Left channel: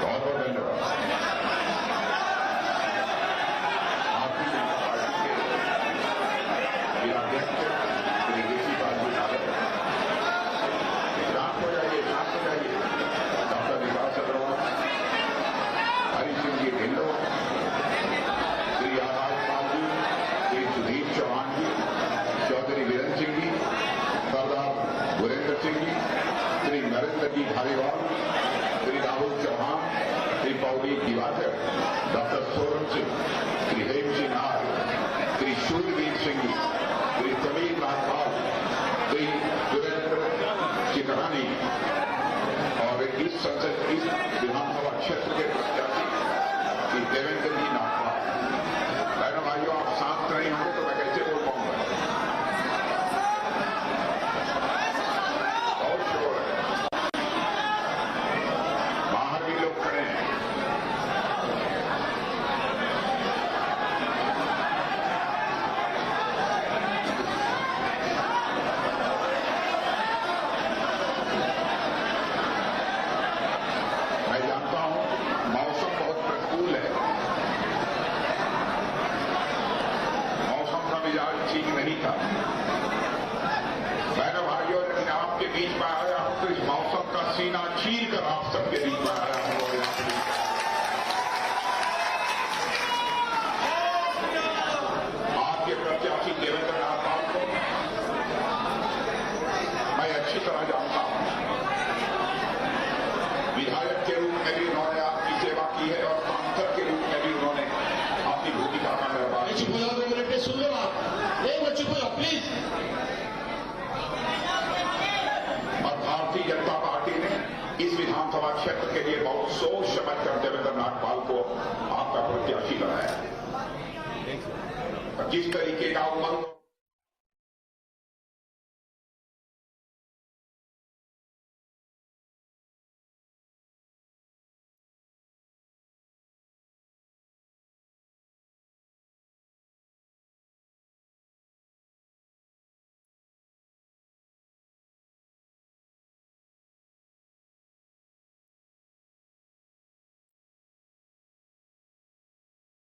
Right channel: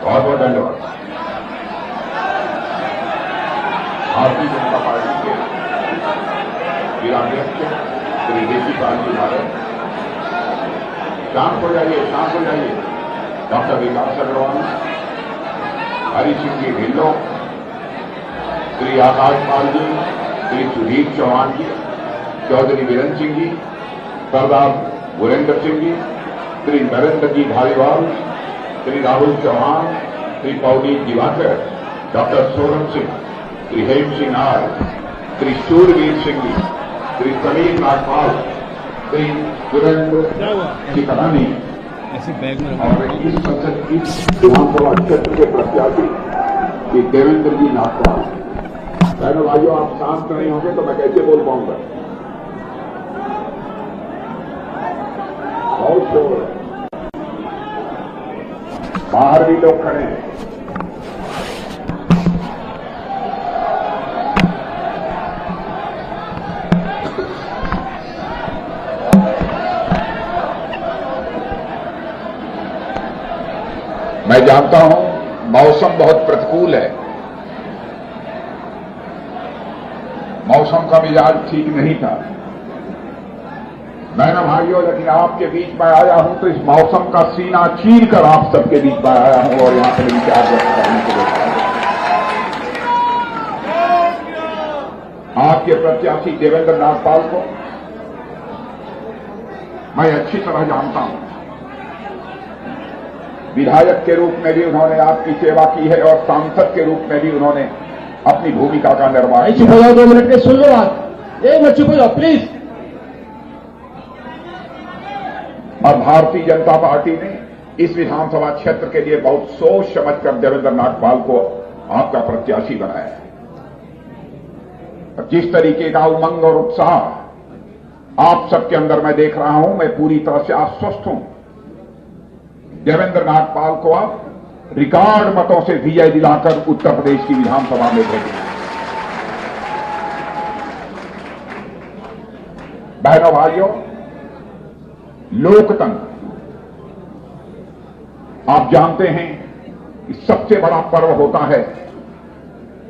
बहुत बहुत धन्यवाद। भारतीय जनता पार्टी के जिलाध्यक्ष श्री देशीपाल जी भारत, शांत हो जाइए, शांत हो जाइए। Doctor Vikas Agarwal, Hari Singh ji Dhillon, Shri Akash Pal ji, Shri Sudhir Chauhan ji, Chaudhary Virendra Singh ji, Sardar Gurendra Singh ji, Shri Narendra ji Dhariwal, Shri Rahul Chauhan, Shri Pauri Diwakar, doctor Sonam Singh, Shri Hem Singh R, Shri Shoorveer Singh ji, Shri Sameer Nagpal, Shri Surendra चिकरानी और इस संसद इस विधानसभा क्षेत्र के प्रत्याशी श्री देवेंद्र जी नागपाल। बहनों भाइयों, आप शांत नहीं होंगे तो मैं कैसे बोल पाऊंगा? बहुत शोर है, बाहर भी लोग खड़े हैं। मैं जानता हूं मौसम बहुत प्रतिकूल है, मौसम का मिजाज ठीक नहीं था। मैंने भाइयों, लेकिन आपके बीच में आया हूं तो इस मौसम का सीना चीर कर आप सबके बीच में आया हूं और यहां पर विचार व्यक्त करने के लिए आया हूं। आपके प्रत्याशी देवेंद्र नागपाल को मैं अच्छी तरह जानता हूं। विधायक के रूप में भी उन्होंने आपकी सेवा की है और सांसद के रूप में भी उन्होंने अपनी भूमिका का निर्वाह। चुप हो जाओ, 2 मिनट के सुन लो बात। एक मिनट चुप हो जाओ प्लीज। और भारतीय जनता पार्टी ने इस विधानसभा क्षेत्र के लिए बहुत सोच समझकर देवेंद्र नागपाल को आपका प्रत्याशी बनाया है। जिस तरीके का उमंग और उत्साह आप सबके अंदर मैं देख रहा हूं, मैं पूरी तरह से आश्वस्त हूं। देवेंद्र नागपाल को आप रिकॉर्ड मतों से विजय दिलाकर उत्तर प्रदेश की विधानसभा में भेजेंगे। बहनों भाइयों, लोकतंत्र आप जानते हैं कि सबसे बड़ा पर्व होता है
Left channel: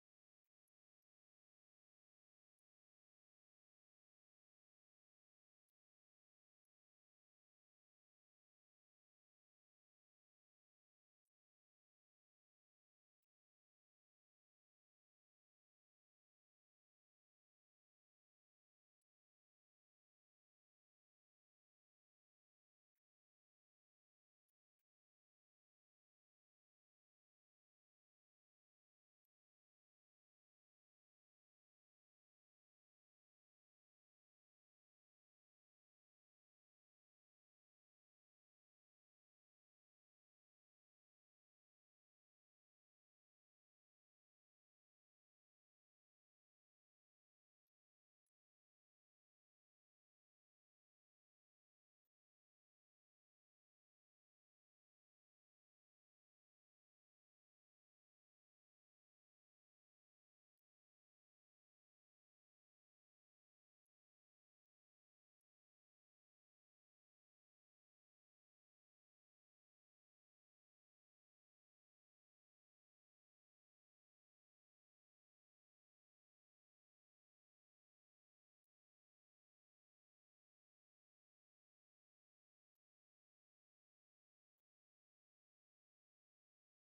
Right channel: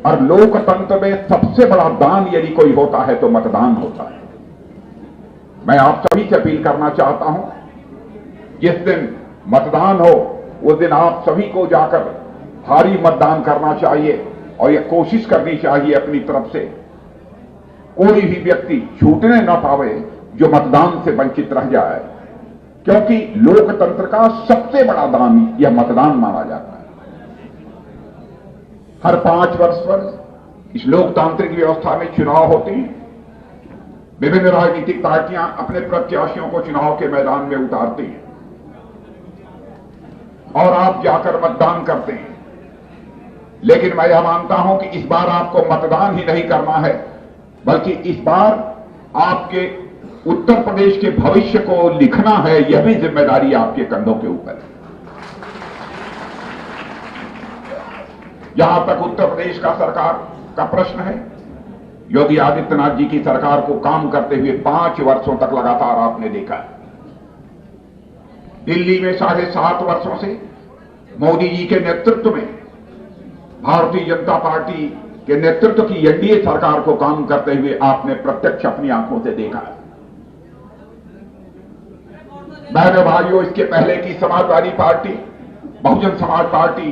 और लोकतंत्र में सबसे बड़ा दान यदि कोई होता है तो मतदान होता है। मैं आप सभी से अपील करना चाहता हूं, जिस दिन मतदान हो उस दिन आप सभी को जाकर भारी मतदान करना चाहिए और यह कोशिश करनी चाहिए अपनी तरफ से कोई भी व्यक्ति छूटने न पावे जो मतदान से वंचित रह जाए, क्योंकि लोकतंत्र का सबसे बड़ा दान यह मतदान माना जाता है। हर 5 वर्ष पर इस लोकतांत्रिक व्यवस्था में चुनाव होते हैं। विभिन्न राजनीतिक पार्टियां अपने प्रत्याशियों को चुनाव के मैदान में उतारती हैं और आप जाकर मतदान करते हैं। लेकिन मैं यह मानता हूं कि इस बार आपको मतदान ही नहीं करना है, बल्कि इस बार आपके उत्तर प्रदेश के भविष्य को लिखना है। यह भी जिम्मेदारी आपके कंधों के ऊपर है। जहां तक उत्तर प्रदेश का सरकार का प्रश्न है, योगी आदित्यनाथ जी की सरकार को काम करते हुए 5 वर्षों तक लगातार आपने देखा है। दिल्ली में 7.5 वर्षों से मोदी जी के नेतृत्व में भारतीय जनता पार्टी के नेतृत्व की एनडीए सरकार को काम करते हुए आपने प्रत्यक्ष अपनी आंखों से देखा है। बहनों भाइयों, इसके पहले की समाजवादी पार्टी, बहुजन समाज पार्टी,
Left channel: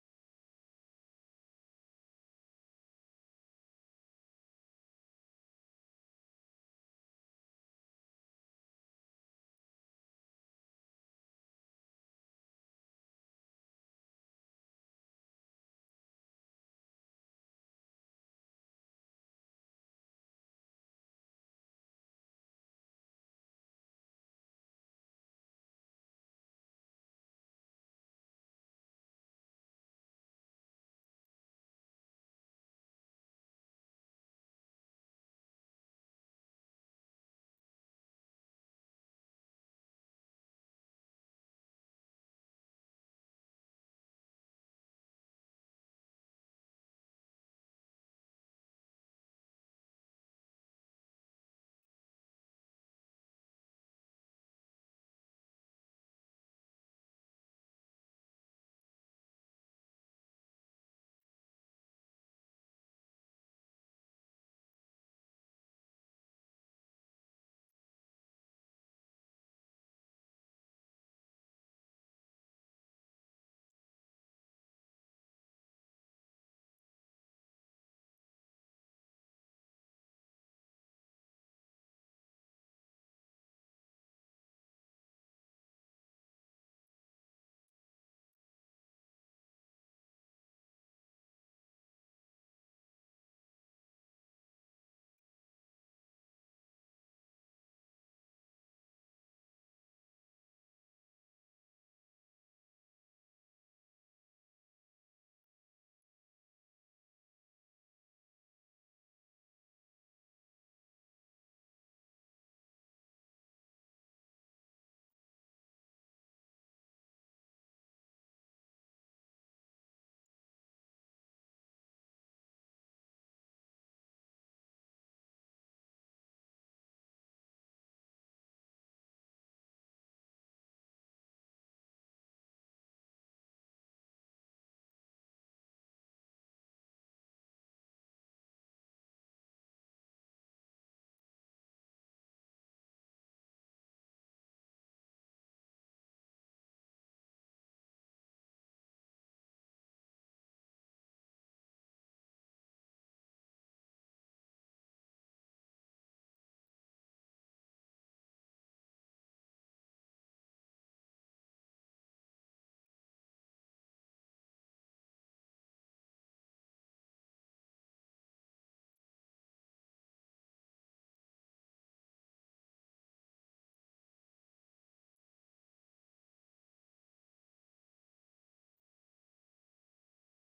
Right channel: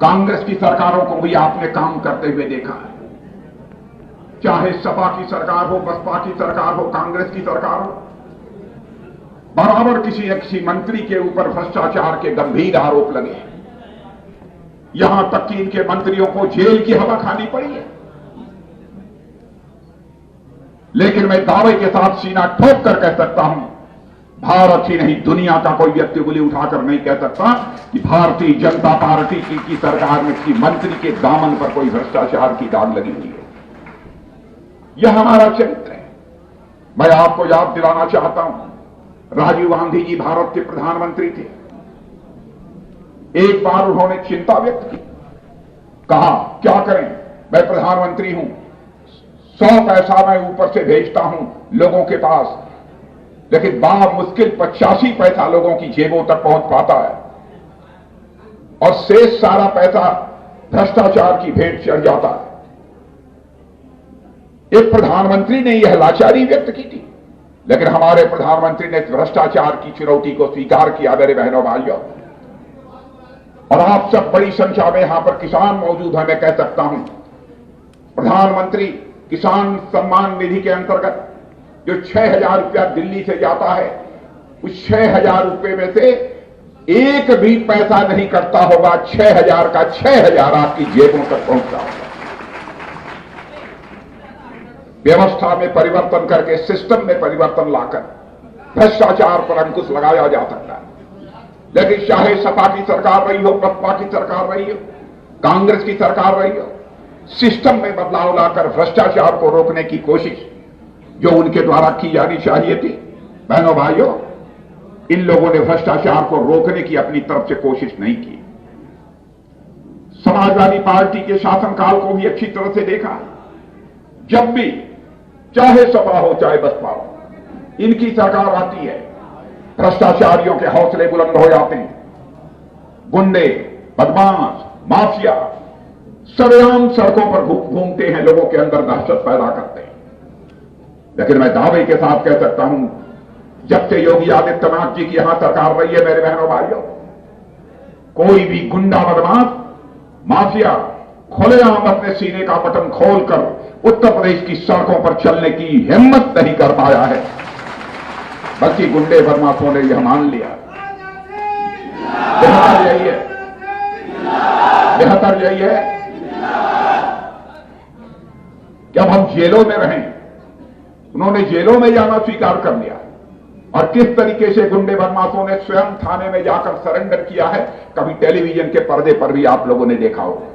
कांग्रेस की सरकारों को भी आपने काम करते हुए देखा है। चाहे सपा की सरकार हो, बसपा की सरकार हो, कांग्रेस की सरकार हो, बराबर किसी न किसी मंत्री के ऊपर भ्रष्टाचार के गंभीर आरोप लगे। यहां तक कि इनके मंत्रियों को जेल की हवा खानी पड़ी है। लेकिन मैं दावे के साथ सीना ठोक कर कह सकता हूं, भारत ही नहीं दुनिया का कोई व्यक्ति उंगली उठाकर नहीं कह सकता कि भारतीय जनता पार्टी की सरकार में किसी मंत्री के दामन पर कोई भ्रष्टाचार की दाग लगी हुई है। यह हमारा चरित्र है। मैं आपको याद दिलाना चाहता हूं, राजीव गांधी जी भारत के प्रधानमंत्री थे। एक बार उन्होंने चिंता व्यक्त की, कहा क्या करें, मैं प्रधानमंत्री हूं, 100 पैसा मैं ऊपर से भेजता हूं लोगों के पास, लेकिन बड़ा मुश्किल 85 पैसा लोगों की जेबों तक पहुंच पाता है। और शेष सारा पैसा भ्रष्टाचार की भेंट चढ़ जाता है। एक प्रधानमंत्री ने यह लाचारी व्यक्त की थी, लेकिन हमारे प्रधानमंत्री ने भ्रष्टाचार की चुनौती को स्वीकार किया। मेरे बहनों भाइयों, और आप सब बड़ी संख्या में यहां पर किसान मौजूद हैं, मैं कह सकता हूं प्रधानमंत्री किसान सम्मान निधि के अंतर्गत जो 6,000 रुपया दिल्ली से जाता है, उस 6,000 रुपये में से एक भी पैसा नहीं कटता होगा। 6,000 का 6,000 आपकी जेबों तक पहुंचता होगा। व्यवस्था में परिवर्तन करके, सिस्टम में परिवर्तन लाकर भ्रष्टाचार पर अंकुश लगाया जा सकता है। लेकिन चाहे सपा की सरकार रही हो, बसपा की सरकार रही हो, कांग्रेस की सरकार रही हो, सिस्टम में बदलाव लाकर भ्रष्टाचार को रोकने की कोशिश जो उनके द्वारा की जानी चाहिए थी, बहनों भाइयों, इन लोगों ने भ्रष्टाचार को रोकने की अपनी तरफ से कोशिश नहीं की। समाजवादी पार्टी के शासनकाल को भी अच्छी तरह से देखा। जब भी चाहे सपा हो चाहे बसपा हो, इनकी सरकार आती है, भ्रष्टाचारियों के हौसले बुलंद हो जाते हैं। गुंडे, बदमाश, माफिया सरेआम सड़कों पर घूमते हैं, लोगों के अंदर दहशत पैदा करते हैं। लेकिन मैं दावे के साथ कह सकता हूं, जब से योगी आदित्यनाथ जी की यहां सरकार रही है, मेरे बहनों भाइयों, कोई भी गुंडा, बदमाश, माफिया खुलेआम अपने सीने का बटन खोलकर उत्तर प्रदेश की सड़कों पर चलने की हिम्मत नहीं कर पाया है, बल्कि गुंडे बदमाशों ने यह मान लिया। बेहतर यही है, बेहतर यही है कि अब हम जेलों में रहें। उन्होंने जेलों में जाना स्वीकार कर लिया, और किस तरीके से गुंडे बदमाशों ने स्वयं थाने में जाकर सरेंडर किया है, कभी टेलीविजन के पर्दे पर भी आप लोगों ने देखा होगा।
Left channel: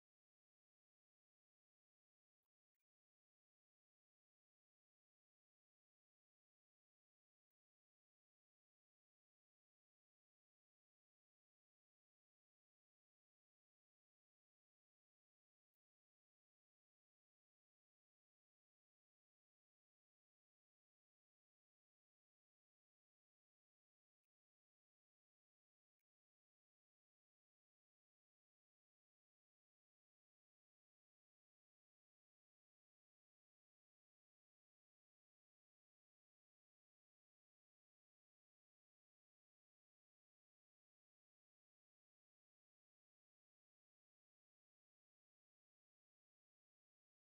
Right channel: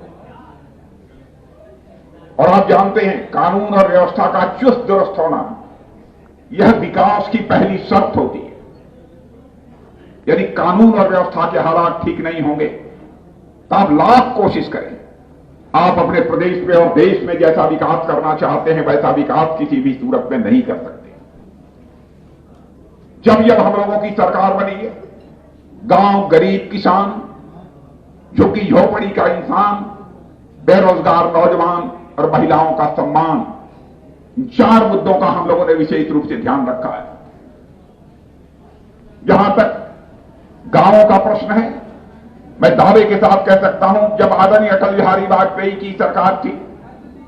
और आप जानते हैं, कानून और व्यवस्था का चुस्त दुरुस्त होना यह विकास की पहली शर्त होती है। यदि कानून और व्यवस्था के हालात ठीक नहीं होंगे तो आप लाख कोशिश करें, आप अपने प्रदेश में और देश में जैसा विकास करना चाहते हैं वैसा विकास किसी भी सूरत में नहीं कर सकते। जब हम लोगों की सरकार बनी है, गांव, गरीब, किसान, झुग्गी झोपड़ी का इंसान, बेरोजगार नौजवान और महिलाओं का सम्मान, इन 4 मुद्दों का हम लोगों ने विशेष रूप से ध्यान रखा है। जहां तक गांवों का प्रश्न है, मैं दावे के साथ कह सकता हूं, जब आदरणीय अटल बिहारी वाजपेयी की सरकार थी,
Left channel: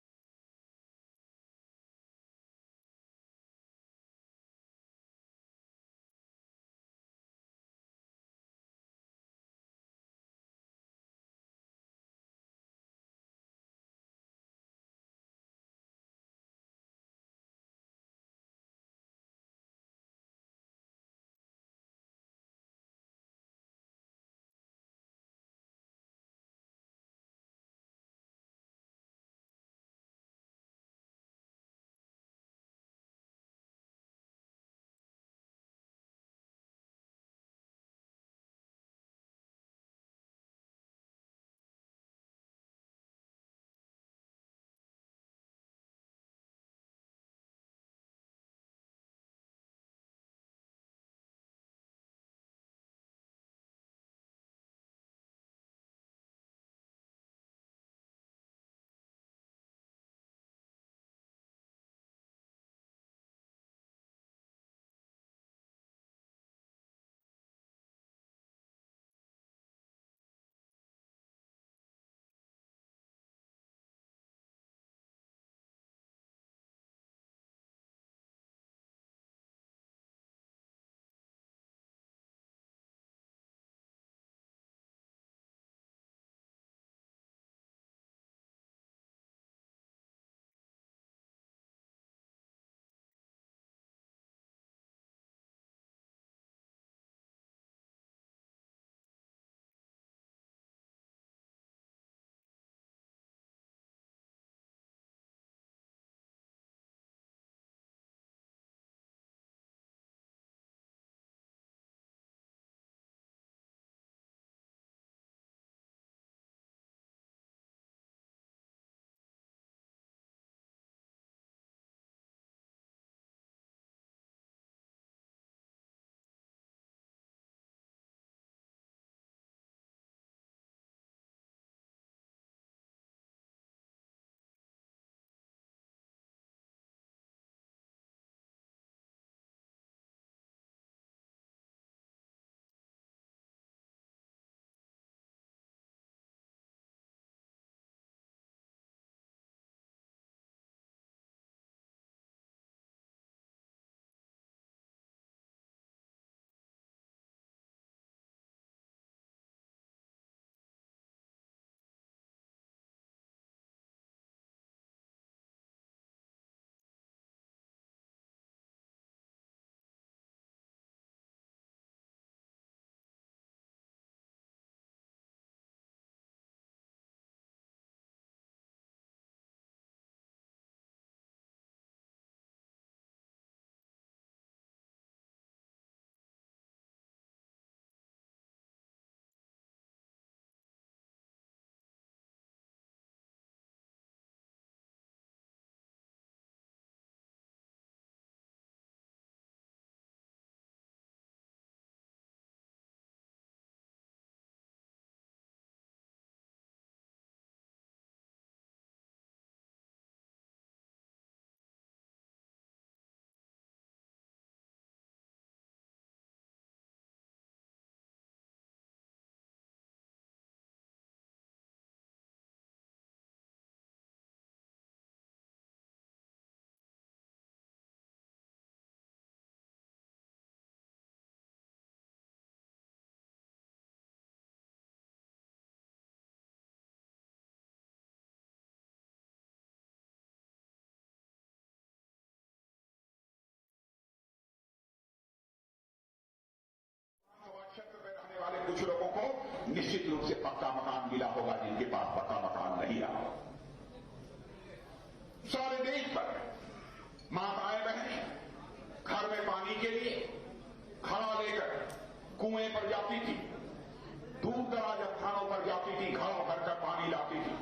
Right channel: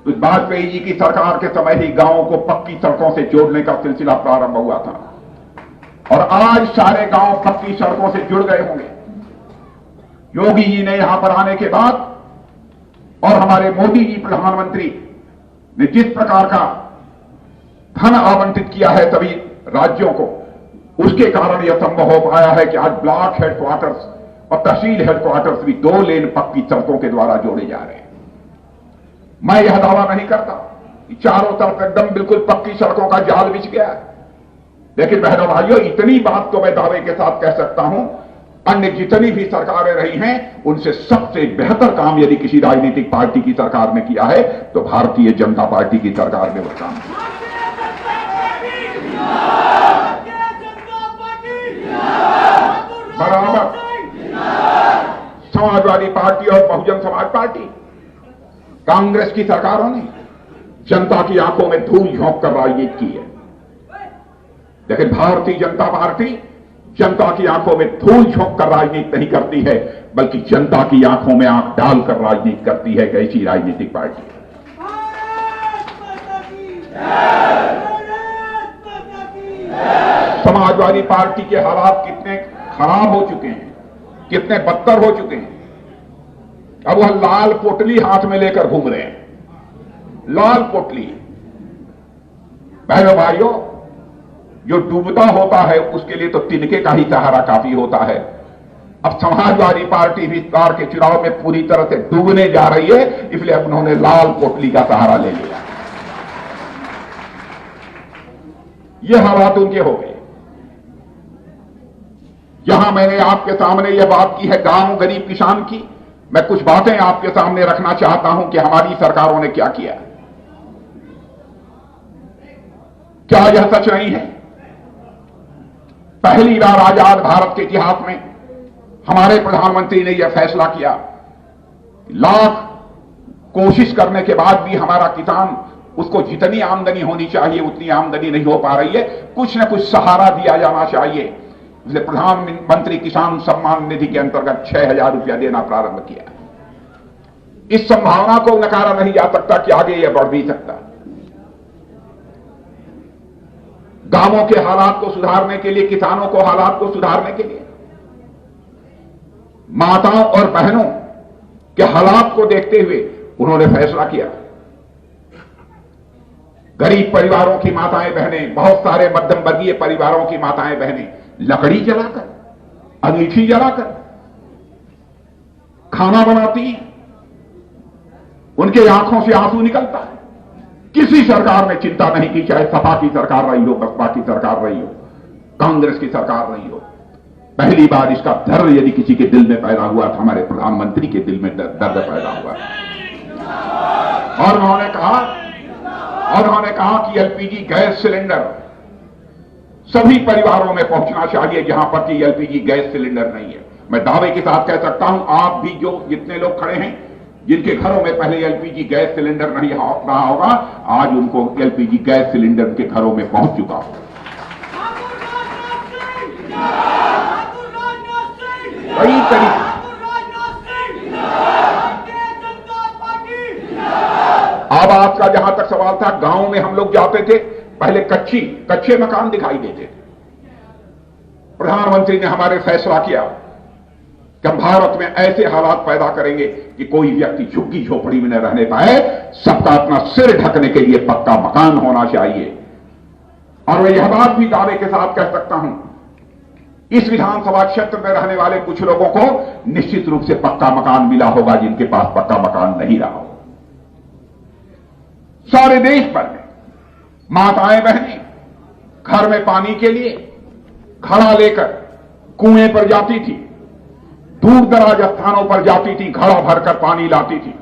तो वाजपेयी जी की सरकार के समय ही गांवों को पक्की सड़कों से जोड़ने का सिलसिला प्रारंभ हुआ था, और आज सारे गांव पक्की सड़कों से जुड़ गए होंगे। योगी जी ने यहां पर आने के बाद और हमारे मोदी जी प्रधानमंत्री ने जिस प्रकार का धन आवंटित किया है सभी राज्यों को, उसके कारण यह संभव हो पाया है कि आज ब्लॉक हेडक्वार्टर्स और तहसील हेडक्वार्टर्स भी 2 लेन पक्की सड़कों के द्वारा जोड़े जा रहे हैं। मैं यह दावा नहीं करता कि चारों तरफ एकदम बिल्कुल पक्की सड़कों का जाल बिछ गया है, लेकिन बहनों भाइयों, इतनी बात तो मैं दावे के साथ कह सकता हूं, अन्य जितनी भी सरकारें रही हैं उनसे सबसे बेहतर काम यदि किसी राजनीतिक पार्टी की सरकार ने किया है तो भारतीय जनता पार्टी की सरकार ने वो काम किया। बराबर समाजवादी पार्टी और बहुजन समाज पार्टी, कांग्रेस की सरकारों ने जनता की आंखों में धूल झोंक कर राजनीति की है, लेकिन भारतीय जनता पार्टी जनता की आंखों में धूल झोंक कर राजनीति नहीं करती है, बल्कि जनता की आंखों में आंख डालकर राजनीति करती है। कैसी राजनीतिक पार्टी है? समाजवादी पार्टी के हालात कितने खराब हो चुके हैं, कितने बदतर हो चुके हैं। अब वह लाल पोटली हाथ में लेकर घूम रहे हैं, लाल पोटली। बहनों भाइयों, जो डूबता होता है उसके लिए तो तिनके का ही सहारा काफी होता है। अब समाजवादी पार्टी भी इस बार के चुनाव में पूरी तरह से डूबने जा रही है, इसलिए अब उन्होंने लाल पोटली का सहारा ले लिया। ये हालात उनके हो गए। जहां मैंने आपके सामने यह बात की है गांव, गरीब, किसान की, मैं कुछ बातें आपके सामने रखना चाहता हूं कि हमारी सरकारों ने क्या किया। क्या यह सच नहीं है? पहली बार आजाद भारत के इतिहास में हमारे प्रधानमंत्री ने यह फैसला किया, लाख कोशिश करने के बाद भी हमारा किसान, उसको जितनी आमदनी होनी चाहिए उतनी आमदनी नहीं हो पा रही है, कुछ न कुछ सहारा दिया जाना चाहिए। इसलिए प्रधानमंत्री किसान सम्मान निधि के अंतर्गत 6,000 रुपया देना प्रारंभ किया। इस संभावना को नकारा नहीं जा सकता कि आगे यह बढ़ भी सकता। गांवों के हालात को सुधारने के लिए, किसानों को हालात को सुधारने के लिए, माताओं और बहनों के हालात को देखते हुए उन्होंने फैसला किया। गरीब परिवारों की माताएं बहनें, बहुत सारे मध्यम वर्गीय परिवारों की माताएं बहनें लकड़ी जलाकर, अंगीठी जलाकर खाना बनाती हैं, उनके आंखों से आंसू निकलता है। किसी सरकार ने चिंता नहीं की, चाहे सपा की सरकार रही हो, बसपा की सरकार रही हो, कांग्रेस की सरकार रही हो। पहली बार इसका दर्द यदि किसी के दिल में पैदा हुआ था, हमारे प्रधानमंत्री के दिल में दर्द पैदा हुआ। और उन्होंने कहा कि एलपीजी गैस सिलेंडर सभी परिवारों में पहुंचना चाहिए जहां पर कि एलपीजी गैस सिलेंडर नहीं है। मैं दावे के साथ कह सकता हूं, आप भी जो जितने लोग खड़े हैं जिनके घरों में पहले एलपीजी गैस सिलेंडर नहीं रहा होगा, आज उनको एलपीजी गैस सिलेंडर उनके घरों में पहुंच चुका होगा। कई तरीके अब आपका जहां तक सवाल था, गांव में हम लोग जाते थे, पहले कच्चे मकान दिखाई देते थे। प्रधानमंत्री ने हमारे फैसला किया कि हम भारत में ऐसे हालात पैदा करेंगे कि कोई व्यक्ति झुग्गी झोपड़ी में न रहने पाए, सबका अपना सिर ढकने के लिए पक्का मकान होना चाहिए। और मैं यह बात भी दावे के साथ कह सकता हूं, इस विधानसभा क्षेत्र में रहने वाले कुछ लोगों को निश्चित रूप से पक्का मकान मिला होगा जिनके पास पक्का मकान नहीं रहा हो। सारे देश भर में माताएं बहनें घर में पानी के लिए घड़ा लेकर कुएं पर जाती थी, दूर दराज स्थानों पर जाती थी, घड़ा भरकर पानी लाती थी,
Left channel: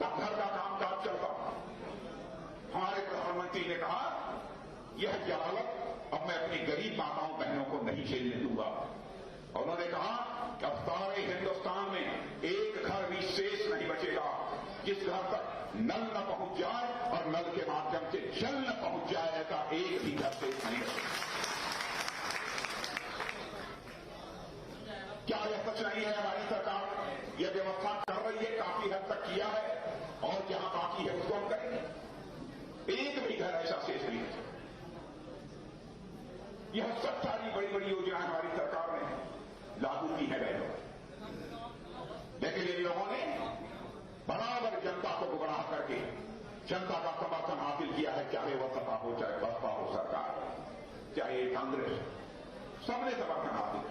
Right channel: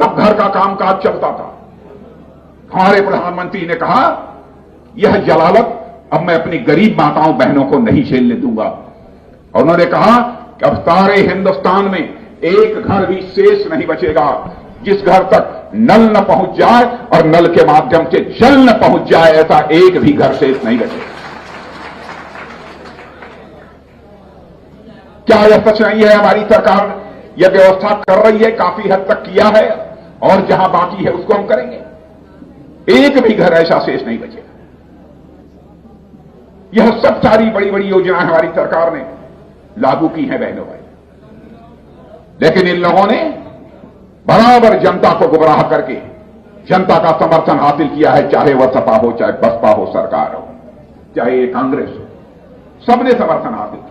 तब घर का कामकाज चलता था। हमारे प्रधानमंत्री ने कहा, यह जलालत अब मैं अपनी गरीब माताओं बहनों को नहीं झेलने दूंगा। और उन्होंने कहा कि अब सारे हिंदुस्तान में एक घर भी शेष नहीं बचेगा जिस घर तक नल न पहुंच जाए और नल के माध्यम से जल न पहुंच जाए, ऐसा एक भी घर शेष नहीं बचेगा। क्या यह सच नहीं है? हमारी सरकार यह व्यवस्था कर रही है, काफी हद तक किया है, और जहां बाकी है उसको हम करेंगे। एक भी घर ऐसा शेष नहीं बचेगा। यह सब सारी बड़ी बड़ी योजनाएं हमारी सरकार ने लागू की हैं बहनों भाई, लेकिन इन लोगों ने बराबर जनता को गुमराह करके जनता का समर्थन हासिल किया है, चाहे वह सपा हो, चाहे बसपा हो, सरकार हो, चाहे कांग्रेस हो, सबने समर्थन हासिल किया।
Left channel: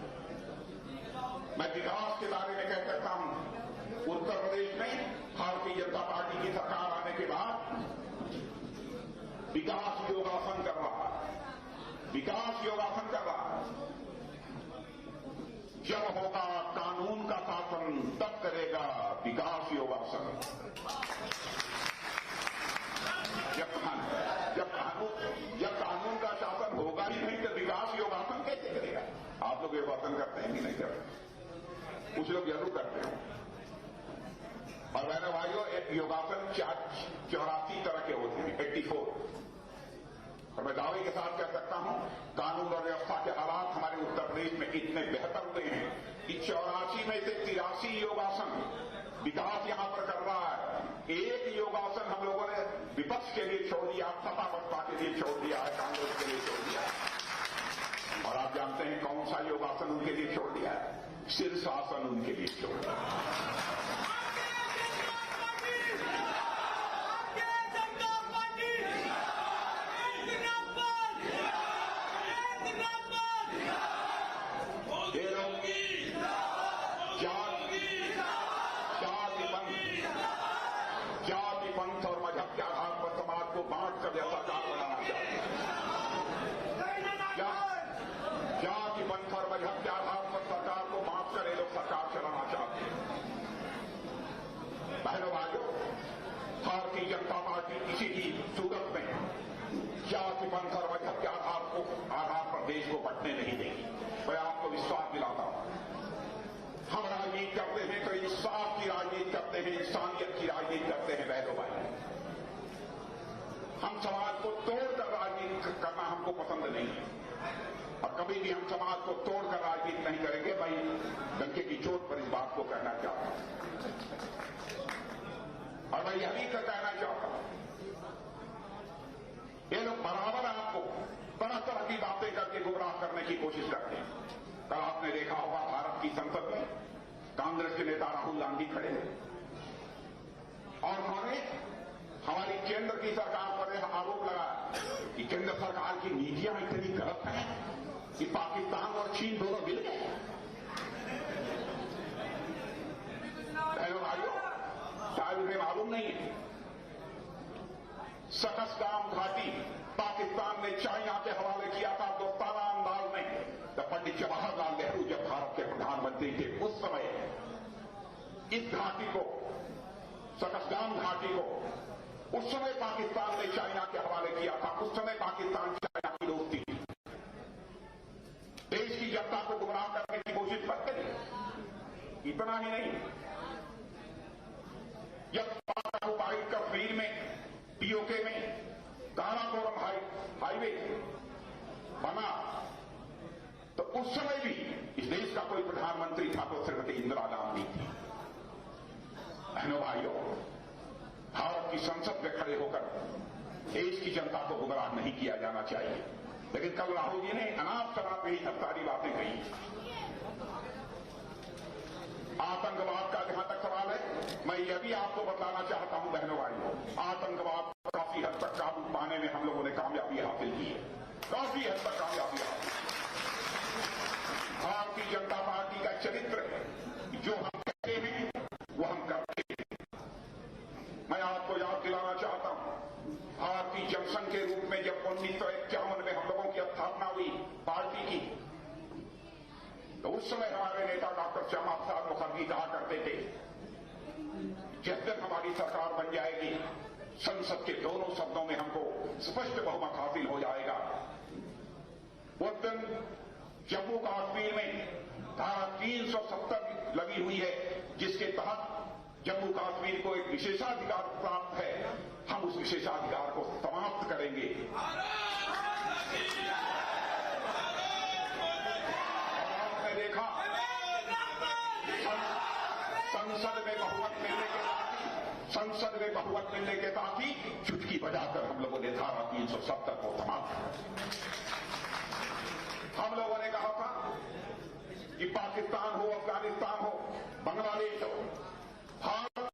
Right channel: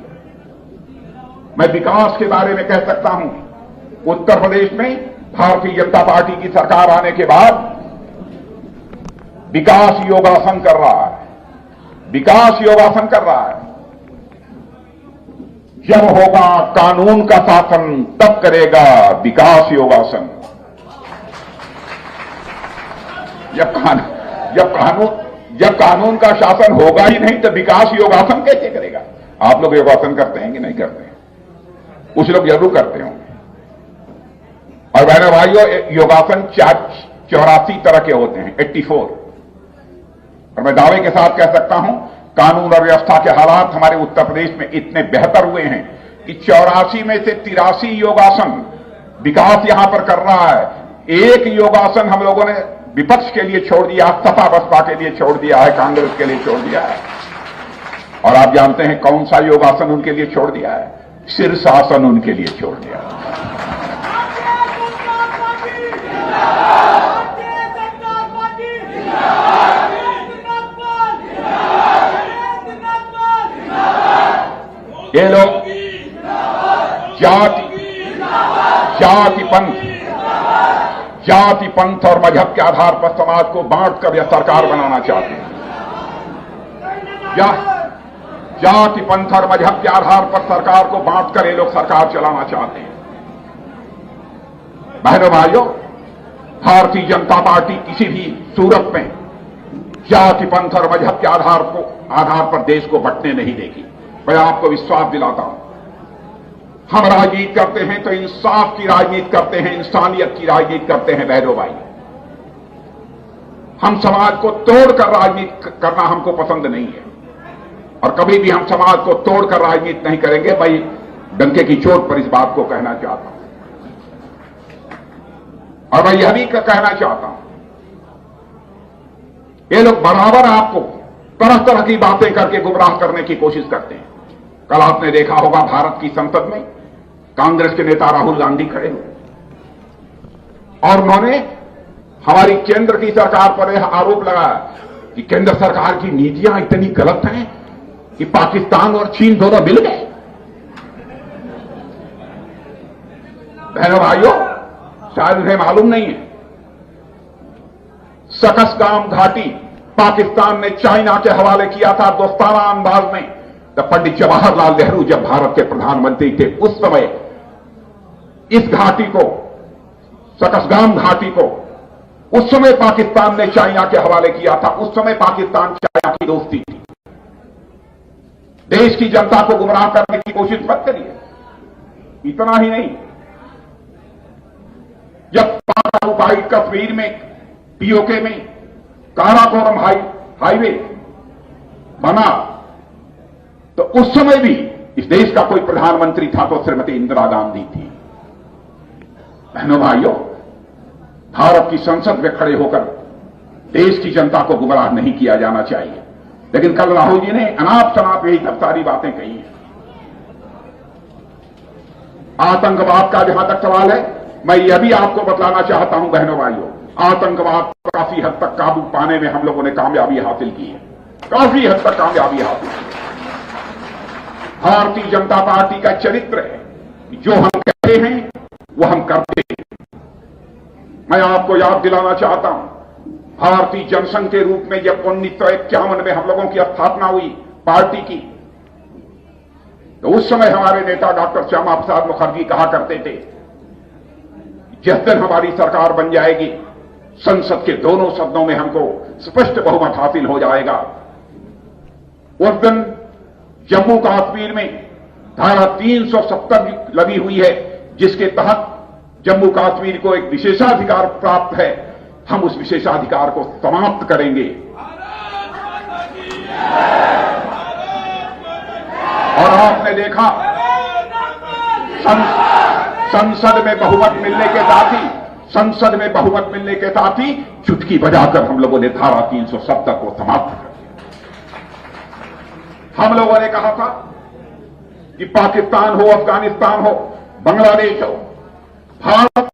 मैं विकास के बारे में कह सकता हूं, उत्तर प्रदेश में भारतीय जनता पार्टी की सरकार आने के बाद विकास योगासन कर रहा है, विकास योगासन कर रहा है। जब होगा कानून का शासन तब करेगा विकास योगासन। जब कानून का शासन होगा ही नहीं तो विकास योगासन कैसे करेगा? आप लोग योगासन करते हैं कि नहीं करते हैं? कुछ लोग जरूर करते होंगे। और बहनों भाइयों, योगासन 84 तरह के होते हैं, 84। और मैं दावे के साथ कह सकता हूं, कानून और व्यवस्था के हालात हमारे उत्तर प्रदेश में इतने बेहतर हुए हैं कि 84 में से 83 योगासन विकास यहां पर कर रहा है। एक योगासन हम लोगों ने विपक्ष के लिए छोड़ दिया, सपा बसपा के लिए छोड़ दिया है, कांग्रेस के लिए छोड़ दिया है। और आप जानते हैं कौन सा योगासन उनके लिए छोड़ दिया है? शीर्षासन उनके लिए छोड़ दिया है। ये लोग जाति पंथ और मजहब के आधार पर समाज को बांटकर यह सरकार बनाना चाहते हैं। जाति पंथ और मजहब के आधार पर सरकार को बांटकर ये लोग सरकार चलाना चाहते हैं। बहनों भाइयों, भारतीय जनता पार्टी किसी भी सूरत में जाति पंथ और मजहब के आधार पर देश को बंटने नहीं देगी। मैं आपको विश्वास दिलाता हूं, हम राजनीति करते हैं तो इंसाफ की राजनीति करते हैं, इंसानियत की राजनीति करते हैं बहनों भाई। हम समाज को तोड़कर राजनीति करना हमको पसंद नहीं है और कभी भी हम समाज को तोड़कर राजनीति नहीं करेंगे। भाई डंके की चोट पर इस बात को कहना चाहता हूं और मैं यह भी कहना चाहता हूं, ये लोग बराबर आपको तरह तरह की बातें करके गुमराह करने की कोशिश करते हैं। कल आपने देखा होगा भारत की संसद में कांग्रेस के नेता राहुल गांधी खड़े हुए और उन्होंने हमारी केंद्र की सरकार पर यह आरोप लगाया कि केंद्र सरकार की नीतियां इतनी गलत हैं कि पाकिस्तान और चीन दोनों मिल गए। बहनों भाइयों, शायद उन्हें मालूम नहीं है, सकसगाम घाटी पाकिस्तान ने चाइना के हवाले किया था दोस्ताना अंदाज में। तब पंडित जवाहरलाल नेहरू जब भारत के प्रधानमंत्री थे उस समय इस घाटी को, सकसगाम घाटी को, उस समय पाकिस्तान ने चाइना के हवाले किया था। उस समय पाकिस्तान चाइना की दोस्ती थी। देश की जनता को गुमराह करने की कोशिश मत करिए। इतना ही नहीं, जब पाक कश्मीर में पीओके में काराकोरम हाईवे बना तो उस समय भी इस देश का कोई प्रधानमंत्री था तो श्रीमती इंदिरा गांधी थी। बहनों भाइयों, भारत की संसद में खड़े होकर देश की जनता को गुमराह नहीं किया जाना चाहिए। लेकिन कल राहुल जी ने अनाप शनाप यही सब सारी बातें कही हैं। आतंकवाद का जहां तक सवाल है, मैं यह भी आपको बतलाना चाहता हूं बहनों भाइयों, आतंकवाद पर काफी हद तक काबू पाने में हम लोगों ने कामयाबी हासिल की है, काफी हद तक कामयाबी हासिल की। भारतीय जनता पार्टी का चरित्र है, जो हम कहते हैं वो हम करते हैं। मैं आपको याद दिलाना चाहता हूं, भारतीय जनसंघ के रूप में जब 1951 में हम लोगों की स्थापना हुई पार्टी की, तो उस समय हमारे नेता डॉक्टर श्यामा प्रसाद मुखर्जी कहा करते थे, जिस दिन हमारी सरकार बन जाएगी संसद के दोनों सदनों में हमको स्पष्ट बहुमत हासिल हो जाएगा। उस दिन जम्मू कश्मीर में धारा 370 लगी हुई है, जिसके तहत जम्मू कश्मीर को एक विशेषाधिकार प्राप्त है। हम उस विशेषाधिकार को समाप्त करेंगे और आपने देखा संसद में बहुमत मिलने के साथ ही चुटकी बजाकर हम लोगों ने धारा 370 को समाप्त कर दिया। हम लोगों ने कहा था कि पाकिस्तान हो, अफगानिस्तान हो, बांग्लादेश हो, भारत